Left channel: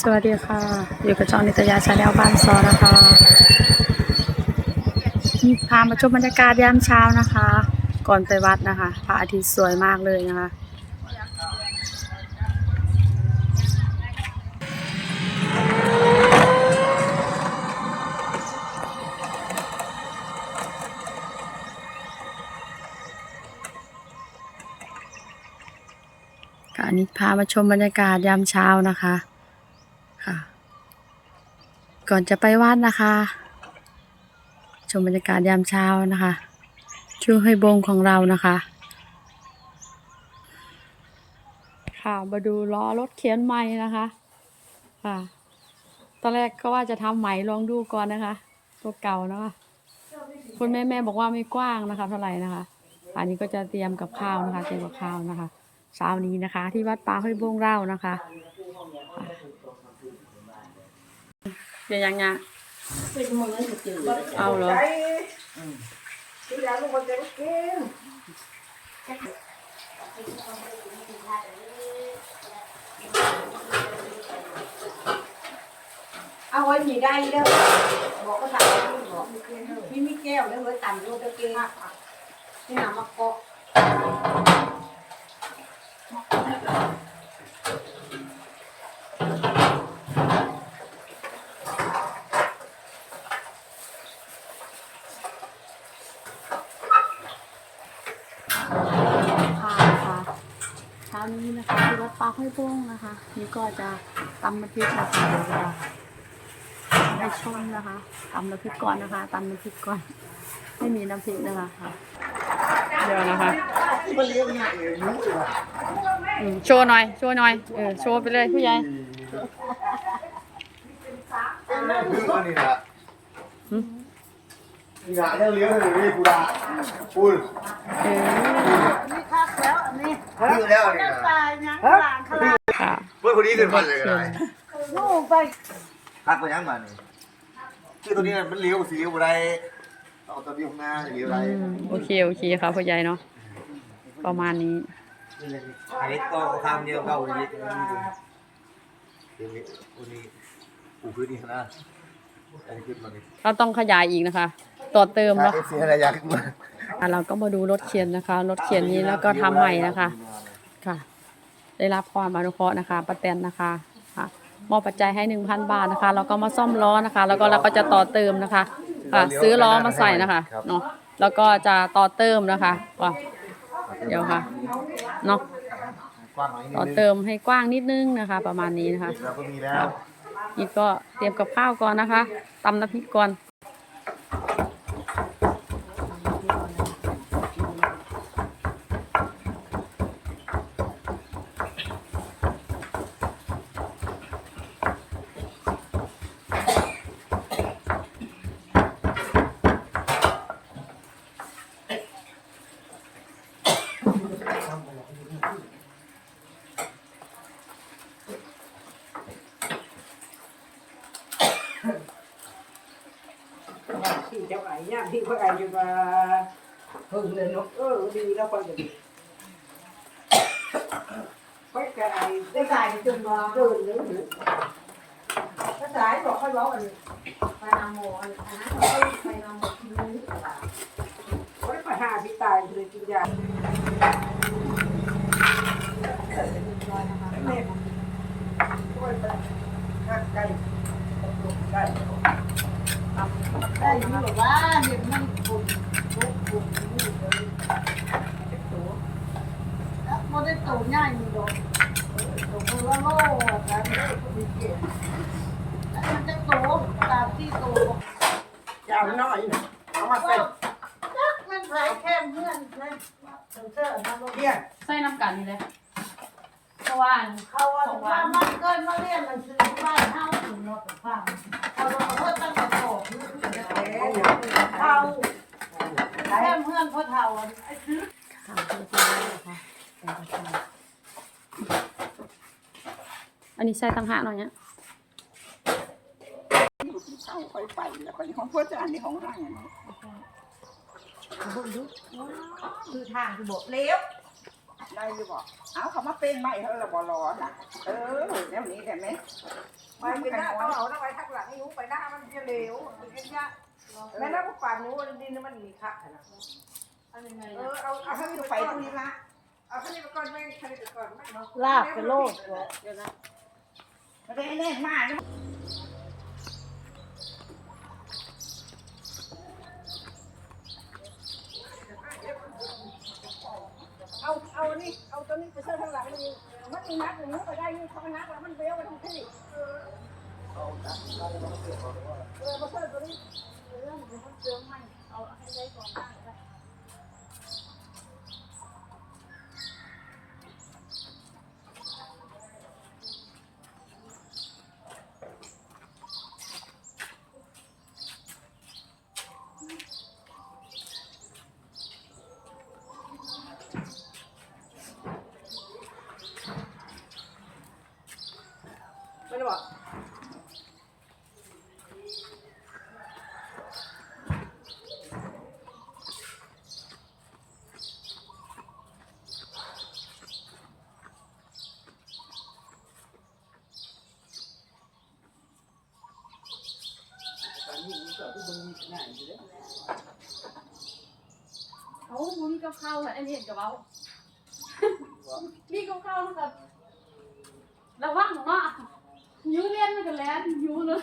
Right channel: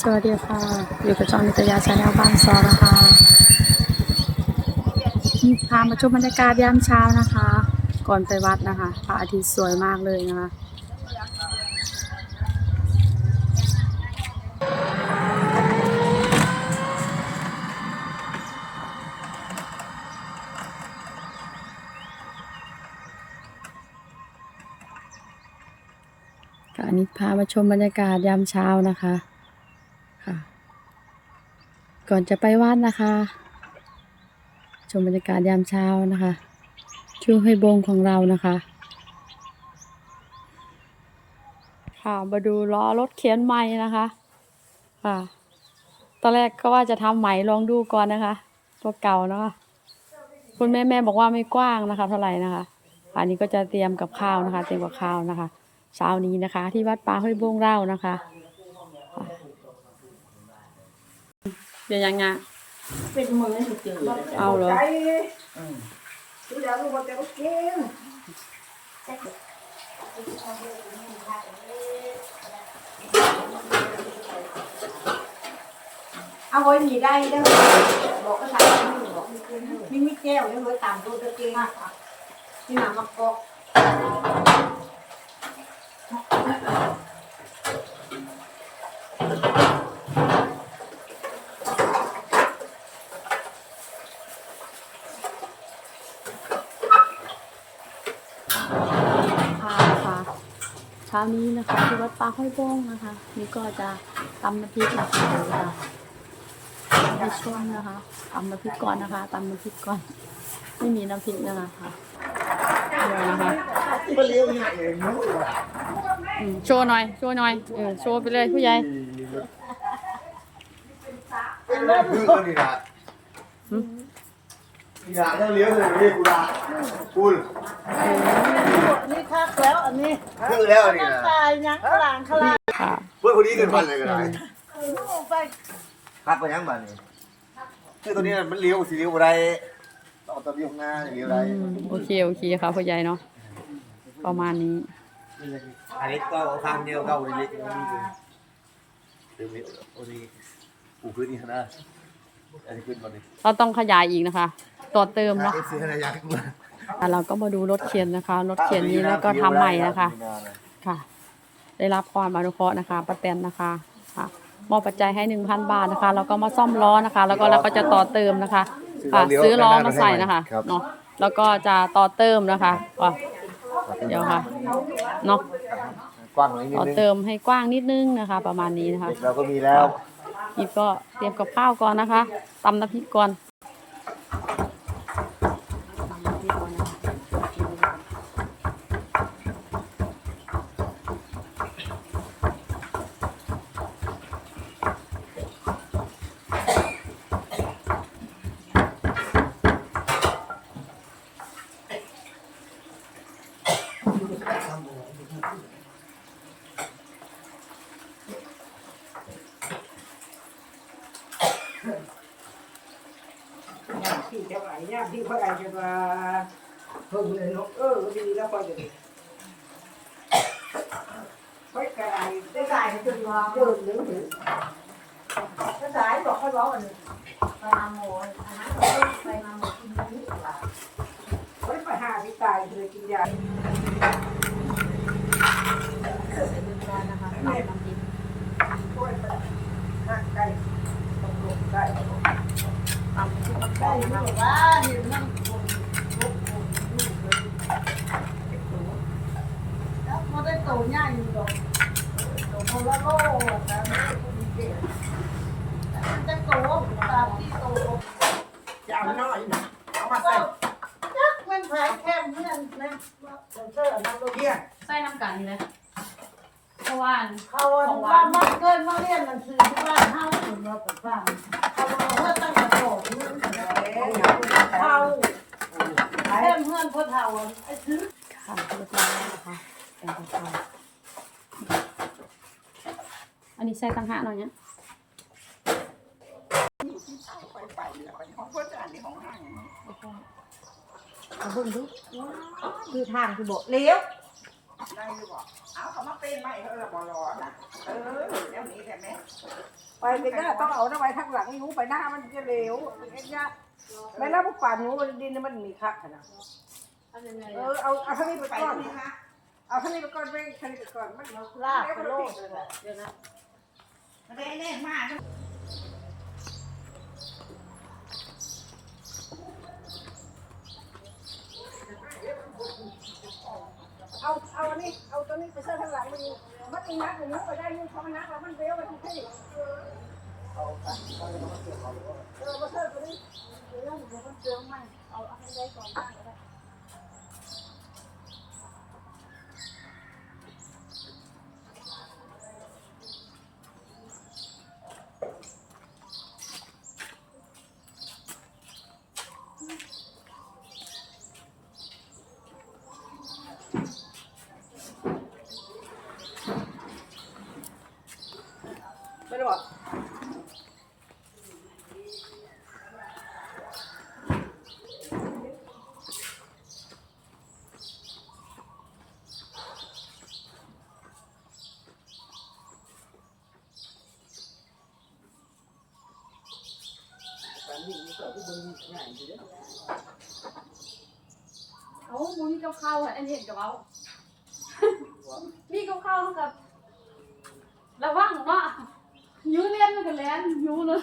สวัสดีค่ะ อยู่กับจองนิตยาชาแนลบ้านซอนะคะพามาชมบรรยากาศยามเช้านะคะ ก่อนไปวัดนะคะพระอาทิตย์สวยมากเลยนะคะค่ะอันนี้พามาชมบรรยากาศยามเช้านะคะ ก่อนจะไปวัดนะคะ ชมบรรยากาศยามเช้านะคะช่วงให้บงของเรานะคะ ค่ะมาดูล้อรถเขียนใหม่นะคะ ค่ะ ตอนแรกก็ว่าจะทำใหม่ลองดูก่อนนะคะ ตัวเก่านะคะคุณแม่แม่บอกว่าไม่กว้างนะคะ เท่าไหร่นะคะอันนี้ก็จะเตรียมกับข้าวนะคะ เตรียมกับข้าวนะคะเช้านี้นะคะ ที่วัดป่าห้วยบงเล่านะคะ เดี๋ยวยังไงเป็นมือให้จืดเอาเหรอที่เราลูกจะกินเอาไว้มีได้เด้อบอกก็สั่งไม่บอกมีมีแก้วแล้วไว้ต่ำดูตะเกียงนี่หนามะกอก ค่ะนะคะเช้านี้นะคะที่วัดป่าห้วยบงนะคะ นี่ก็จะตำน้ำพริกนะคะเดี๋ยวจะให้ชมนะคะตำน้ำพริกก่อนนะคะตำน้ำพริกก่อน ไม่มีน้ำพริกนะคะค่ะเดี๋ยวนะคะมาเลี้ยงยเอ๋ยุ่งเลยอืมโชว์หน่อยโชว์หน่อยเออโชว์ไปเลยผู้ใหญ่ดื้อนี่นะหึนี่นะเรื่องเลี้ยงเลยนี่กูด่าพูดเออ คักแล้วอันนี้ดื้อแล้วนี่นะตายยังหลังขลาค่ะเพื่อนคนนี้เกินพันเลยเขีนะยนลูกไปคัดไปยังมานี่คือตัวนี้มันเลี้ยวสีเลี้ยวอะไรเอาตัวนี้ข้างหน้าเลี้ยวอะไรอืมโอเคโอเคค่ะผู้ใหญ่เนาะประมาณนี้อันนี้ก็ข้ามเดียวเก้าเล็กเดี๋ยวนี้วันนี้ปูพื้นนี่นะอันนี้ขึ้นมาดิเราต้องขยายอีกนะคะ ต่อเติมเนาะเสีย อะไรอยากมาอะเราก็มาดูรถเขียนนะคะ รถเขียนนี้แล้วก็ทำใหม่นะคะค่ะ ได้รับความอนุเคราะห์นะคะป้าแตนนะคะค่ะมอบปัจจัยให้หนึ่งพันบาทนะคะ แล้วก็มาซ่อมล้อนะคะ แล้วก็เราก็จะต่อเติมนะคะ ค่ะ ซื้อล้อมาใส่นะคะเนาะแล้วก็จะต่อเติมนะคะก็เดี๋ยวค่ะเนาะกว้างหน่อยนิดต่อนึงเติมให้กว้างนิดนึงนะคะ ประมาณนี้นะคะ เราก็มีแล้ว นี่ก็เตรียมกับข้าวก่อนนะคะตำน้ำพริกก่อน จะไหวเนี่ยที่ว่าอะไรจะมาเพิ่งเลยเนาะเออดีแล้วพอจะดีไม่ไกลได้ไกลไปจนว่าเดินเลยหรือถ้าสายบอกให้ร้องอันนี้ไปนำหมอนอันนั้นไปนำหมอนที่นี่ไว้ไปหาที่ตายเลยกินยาแม่ทำดีโอ้ยแต่ไก่ได้ได้ได้ยังไม่บอกว่าเห็นมันคนลุกคนลุกเลยแล้วมันได้โตง่ายอยู่ดอกโตมันละโลกนะไม่ได้คนเก่งแต่มันจะโตตามที่โตยาวน้อยนะเอามาใส่จักมันขายแค่เพื่อนนะ เธอเอามาเรียนใส่น้ำกันนี่เลยเพราะว่าเขาว่ามันเกินมาเรียนหนังสือที่บ้านเฮาถึงมาฟังเขาบอกเพื่อตั้งแต่โตนึงเขาแค่เพื่อนพ่อเฒ่าไอ้ซื้อค่ะเรียบร้อยแล้วนะคะแต่งกระเพราอันนี้ใส่ตังหาหน่อยเนี่ย เอาเบิ่งดูคือทางคือบอกเลี้ยวได้หรือเปล่าเอาเขามาเป็นไหมเธอละบอรอนะเออแบบนี้แต่ไหมไปกินหน้าต้องเอาได้ไปทักหลังยูไปหน้ามันจะเร็วไม่แล้วพวกป่านยูดินมันหนีคักนะอันยังไงเออเอาเอาท่านี้ไปตรงนี้นะเอาท่านี้ไปก่อนไปท่านี้ไปก่อนมันลากกระโลกเดี๋ยวนะมันได้แน่มากเอาเอาอันนี้เอาตัวนี้ ไปเชื่อทางหลังมันยู่มันมีนักอย่างนี้ไปได้ยิ่งเขามันนักแล้วมันเบลไปทั้งที่เอาตัดก็เลยต้องมาเสียบเอาเลยว่าเออมาเชิญตัวนี้เรื่องมันเชื่อมันเอาให้ได้ก่อนได้ก็ได้ ไม่ได้บอก ตอนนี้มันเกิดที่ เบิ่งง่ายอยู่เด้โอ้มึงมีกับข้าวอะอันนี้เห็นกับเอามีกับข้าวกับระวังเนาะยูเลียนไปกันแล้วยูเลย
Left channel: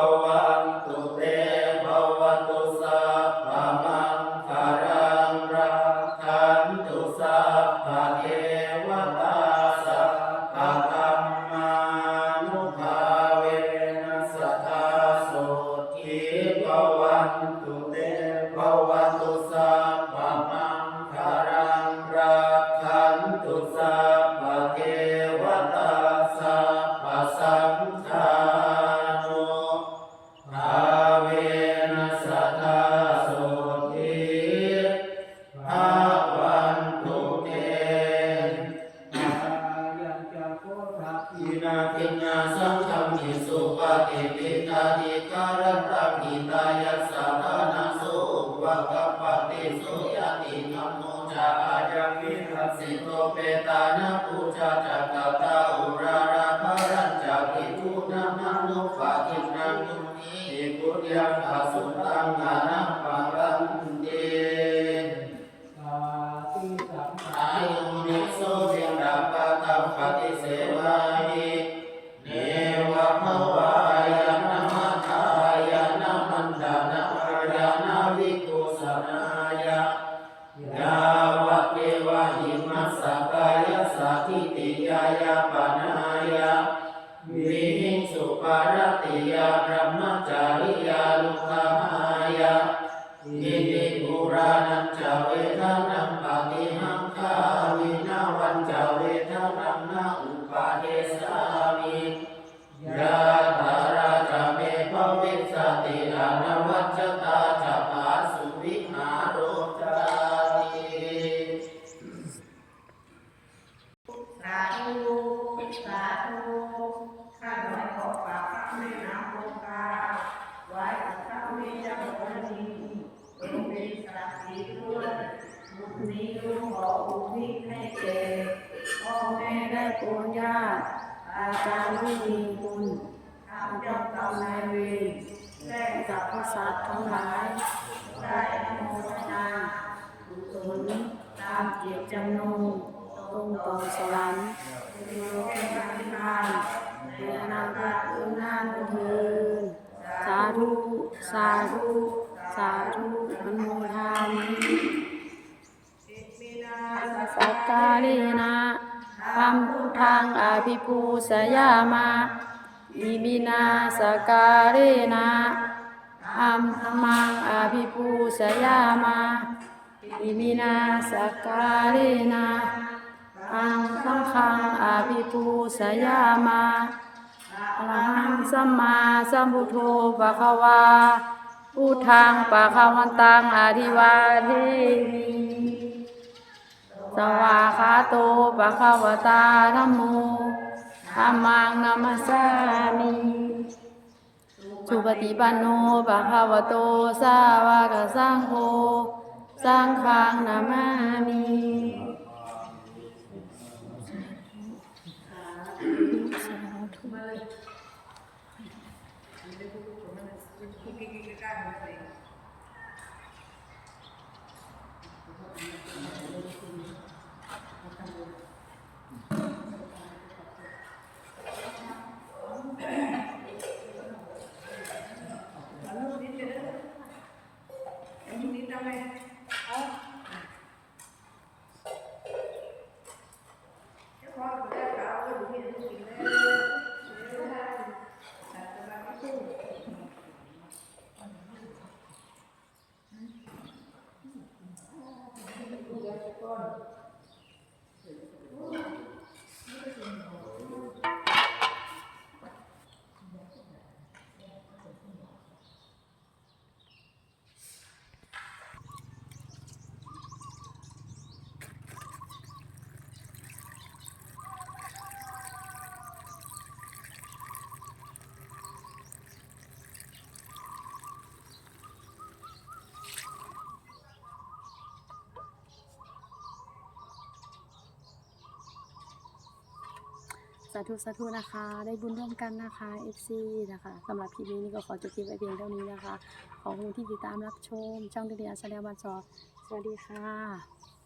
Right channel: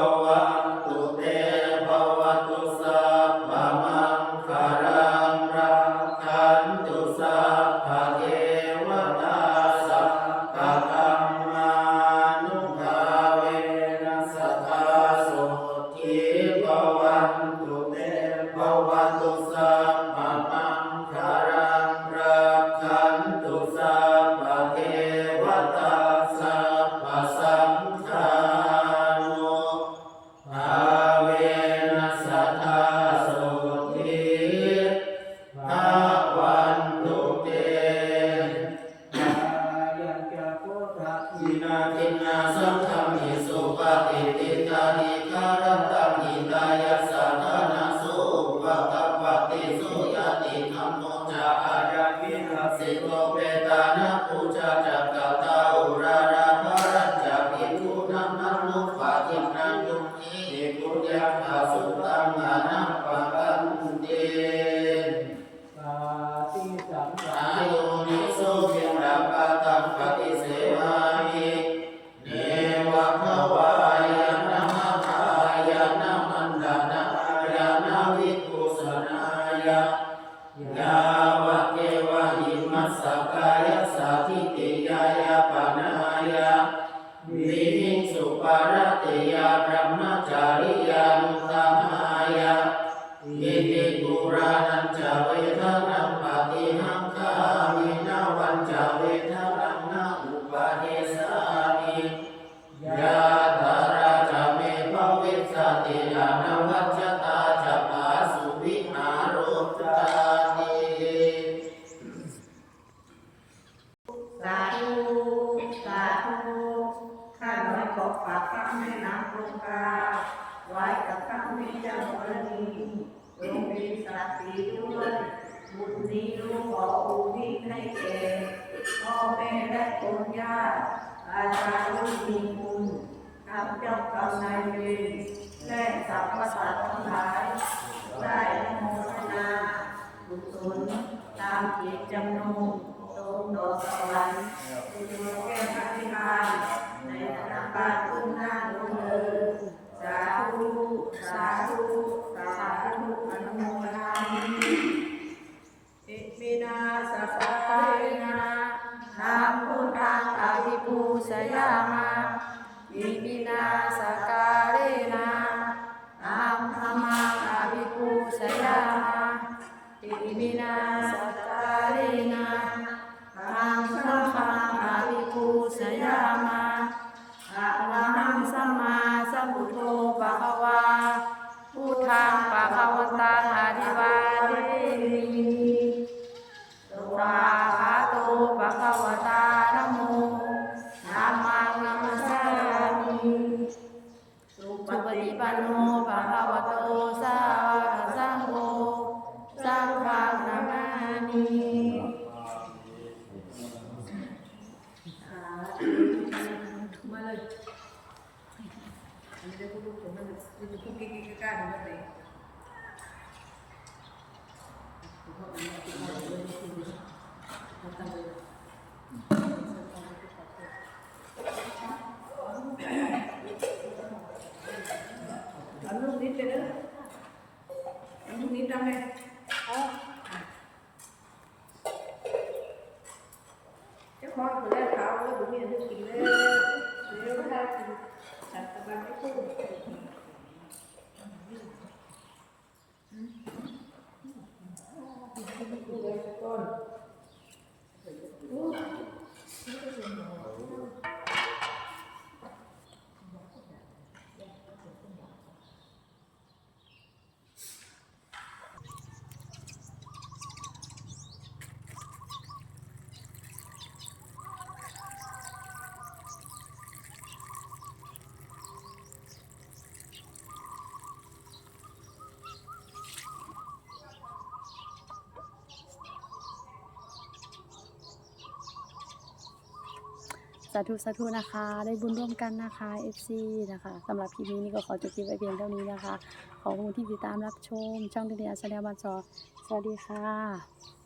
bahwa. เปตานะปูจาจักตตาอุราราภารัญจากิภูนามันุปะทินังยุนีปุญญาภาสุตังอานัปปะกันเตสาธิสัมปะอายุนิโสเทียมรัมปะตังปฏิเสวามิเนวะภวายานะมะขายานะมันดานายานาวิกุสนายะยาวะเกวะหิมัส ติอนาวัจจตาจะปาสุวิหารโรจาติสาธุสาธุข้าน้อยขอฝากพระแม่น้ำคงคาไว้กับพระแม่เจ้ากรณีทรงมีศักดิ์ศรีด้วยบุญนี้ลูกขออุทิศให้แก่พ่อแม่และปู่ย่าอาจารย์ผู้มีคุณทำเจ้ากรรมนายเวร และสรรพสัตว์ทั้งหลายได้อนุโมทนากุศลตามเจตจำนงตรงดอกสวรรค์เป็นดวงแก้วอธิษฐานในอนาคตข้างหน้าดวงเดินสาธุสาธุสาธุอนุโมทนามิอิมินาสสกาการเรนะธรรมพุทธังอภิปูสยามา อิมินาสการเนะธรรมธรรมังอภิปูสยามาอิมินาสการเนะธรรมพุทธังอภิปูสยามาอรหังสัมมาสัมพุทโธปะคะวาพุทธังปะคะวันตังอธิวาเทมิ ปันโนปะคะวะโตสาวกสังโฆสังฆังนามามิ อันนู้นนิดเดียวอันนู้นนิดเดียวเลยเอาเจ้าของก็ได้ข่าวว่าบุญมีลูกกินเลยเดี๋ยวถ้ากินจัดตารางให้พูด สาธุสาธุนะคะ ได้บุญร่วมกันนะคะ FC นะคะสำหรับคลิปนี้นี่ก็ขอจบคลิปไว้เพียงเท่านี้นะคะ ขอบคุณที่ติดตามรับชม ช่องเดียแสดงบันจอสวัสดีค่ะ